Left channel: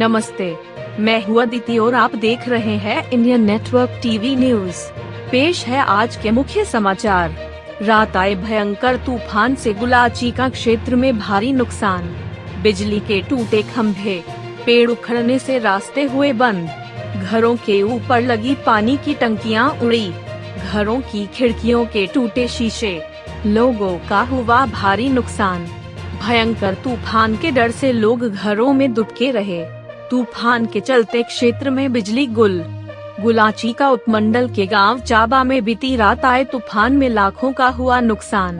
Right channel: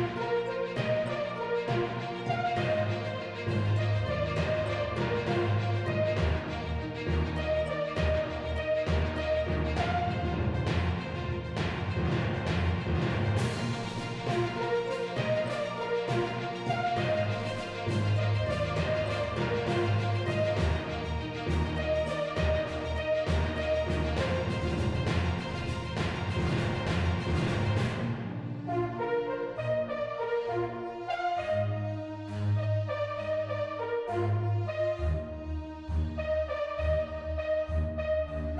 नमस्ते, मैं हूँ अदिति और आप देख रहे हैं इंडियन नेटवर्क टीवी न्यूज। पेश है आज के मुख्य समाचार। रात आए भयंकर तूफान से गुलाचीका क्षेत्र में भारी नुकसान। बिजली के टूटे खंभे, पेड़ उखड़ने से रास्ते हुए बंद। घरों के ऊपर लगी पानी की टंकियां उड़ी। घरों की खिड़कियों के टूटे शीशे। लोगों का हुआ भारी नुकसान। भयंकर तूफान के डर से लोग घरों में दुबके रहे। तूफान के चलते क्षेत्र में बिजली गुल। गुलाचीका उपमंडल के गांव चाबा में बीती रात आए तूफान में लाखों का हुआ नुकसान।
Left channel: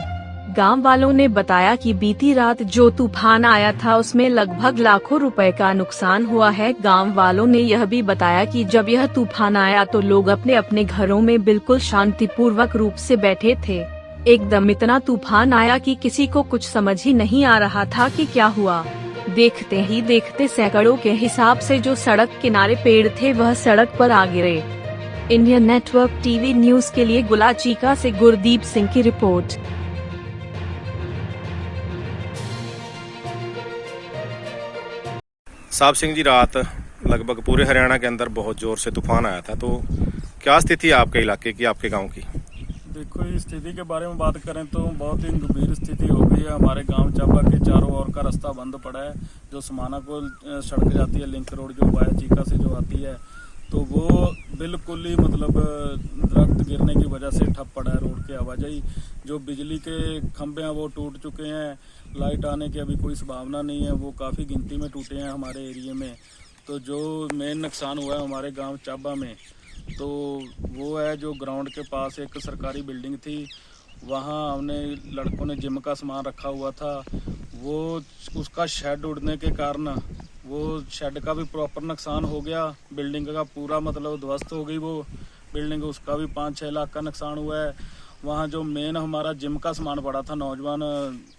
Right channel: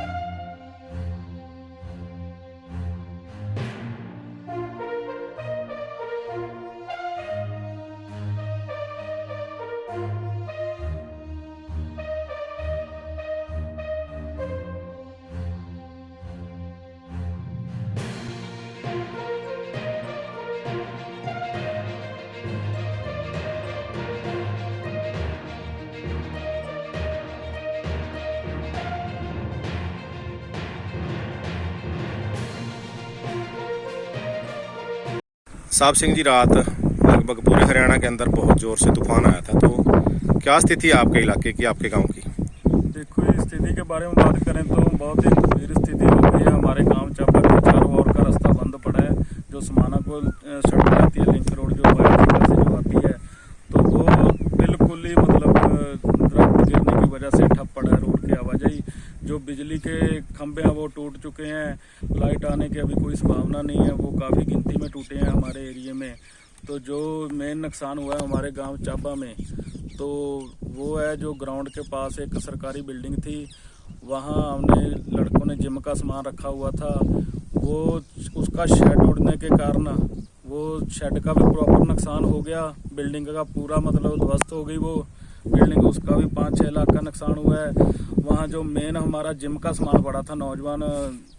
गांव वालों ने बताया कि बीती रात जो तूफान आया था उसमें लगभग लाखों रुपए का नुकसान हुआ है। गांव वालों ने यह भी बताया कि जब यह तूफान आया तो लोग अपने अपने घरों में बिल्कुल शांतिपूर्वक रूप से बैठे थे। एकदम इतना तूफान आया कि किसी को कुछ समझ ही नहीं आ रहा था कि क्या हुआ। देखते ही देखते सैकड़ों के हिसाब से जो सड़क किनारे पेड़ थे वह सड़क पर आ गिरे। इंडियन नेटवर्क टीवी न्यूज के लिए गुलाचीका से गुरदीप सिंह की रिपोर्ट। साहब सिंह जी, रात लगभग पूरे हरियाणा के अंदर बहुत जोर से तूफान आया था, तो क्या स्थिति है आपके इलाके की, आपके गांव की? देखो, इस स्थिति के बारे में बात करें तो बहुत ही गंभीर स्थिति हो गई है। हमारे गांव चाबा के चारों ओर का रास्ता बंद पड़ा है। जो समाना को सड़क जाती है, लिंक रोड जो वायरचिका से जो आती है, तो वो बिल्कुल ही मतलब दरख्त गिरने की वजह से ठप पड़ा है रोड की आवाजाही। जो बिजली के खंभे हैं वो टूट चुके हैं। लाइट आने की अभी कोई संभावना नहीं है, वो काफ़ी गिनती में टूटे हैं हमारे एरिया में। तो जो मेन नुकसान हुआ है हमारे गांव चाबा में, तो वो है जो ग्राउंड के पास एक सरकारी बिल्डिंग थी, वहाँ हमने लड़कों ने जिम का सामान रखा हुआ था। वो उसका शेड उड़ने के कारण वो शेड का भी प्रॉपर नुकसान हो गया। बिल्डिंग का पूरा मतलब ध्वस्त हो गई वो बिल्डिंग, उसका भी 5-6 लाख का नुकसान हुआ है। वहाँ जो मेन हमारा जिम का सामान पड़ा था, नौजवान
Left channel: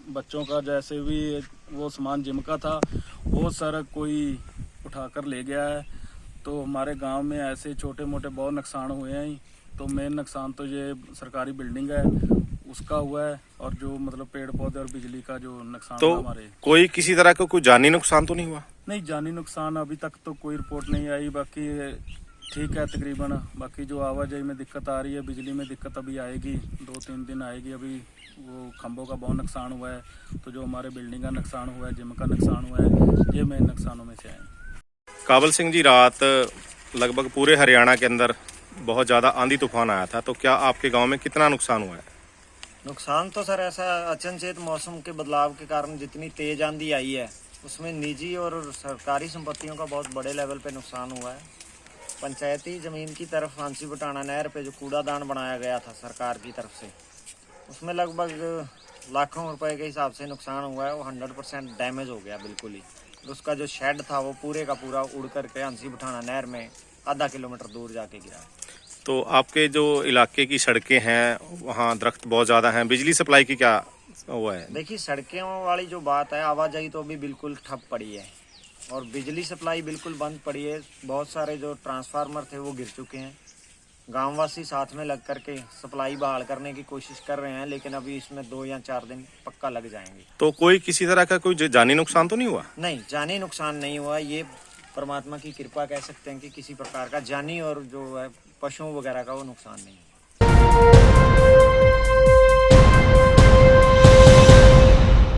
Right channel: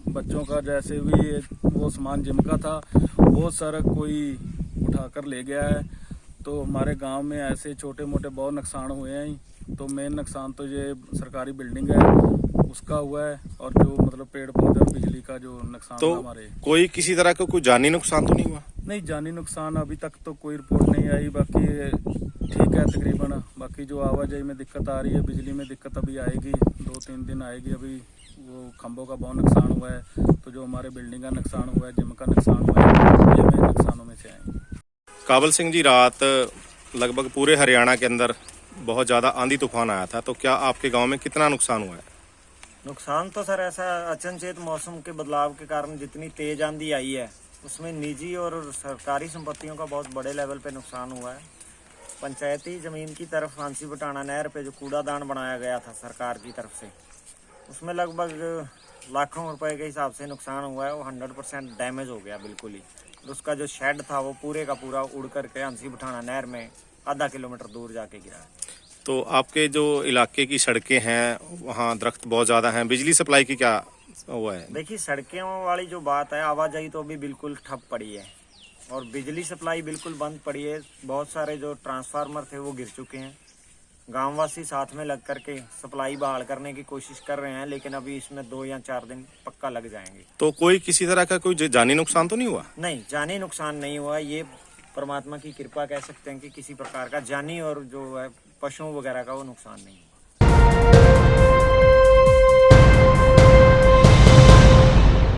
बच्चों का जैसे भी वो सामान जिम का था, वो सारा कोई उठाकर ले गया है। तो हमारे गांव में ऐसे छोटे मोटे बहुत नुकसान हुए हैं। तो मेन नुकसान तो ये सरकारी बिल्डिंग है उसका हुआ है, और जो मतलब पेड़ पौधे और बिजली का जो नुकसान तो हमारे। कोई किसी तरह का कोई जानी नुकसान तो नहीं हुआ? नहीं, जानी नुकसान अभी तक तो कोई रिपोर्ट नहीं आई। बाकी ठीक है तकरीबन। बाकी जो आवाजाही में दिक्कत आ रही है, बिजली में दिक्कत अभी आएगी, 2-3 दिन आएगी। अभी वो खंभों का बहुत नुकसान हुआ है, तो जो हमारे बिल्डिंग का नुकसान हुआ है, जिम का नुकसान हुआ है, ये मेन नुकसानों में से आए। काबल सिंह जी, रात लगभग पूरे हरियाणा के अंदर बहुत ज़्यादा आंधी तूफान आया था, तो क्या आपके गांव में कितना नुकसान हुआ है? नुकसान तो सर ऐसा अचनचेत मौसम के बदलाव के कारण जितनी तेज आंधी आई है उसमें निजी और सरकारी संपत्तियों का बहुत बड़े लेवल पे नुकसान हुआ है। पंचायती जमीन की तरफ हांसी बटाना नहर पे जो कूड़ादान बनाया गया था सरकार की तरफ से, उसमें लगभग लाखों रुपए के हिसाब से नुकसान हुआ है। वो 100% डैमेज हो गया बिल्कुल ही। उसका जो शेड था वो पूरे का पूरा उड़ करके हांसी बटाना नहर में आधा किलोमीटर दूर जाके गिरा है। तो आपके जो इलाके की सड़कें हैं वहाँ दरख्त बहुत ज़्यादा हैं, बिजली सप्लाई की क्या हुआ है? देखिए, सड़कों वाली जो बात है, आवाजाही तो अभी बिल्कुल ठप पड़ी है और बिजली सप्लाई बिल्कुल बंद पड़ी है। बहुत सारे जो ट्रांसफार्मर थे वो गिर चुके हैं। गांववासी साथ में लग करके सप्लाई बहाल करने की कोशिश कर रहे हैं, लेकिन अभी इसमें 2 या 4 दिन पक्का लग जाएंगे। तो कोई किसी तरह का कोई जानी नुकसान तो नहीं हुआ? नहीं, जानी नुकसान नहीं हुआ। ये परमात्मा की कृपा कह सकते हैं कि किसी प्रकार का जानी और जो है पशुओं वगैरह का वो नुकसान नहीं।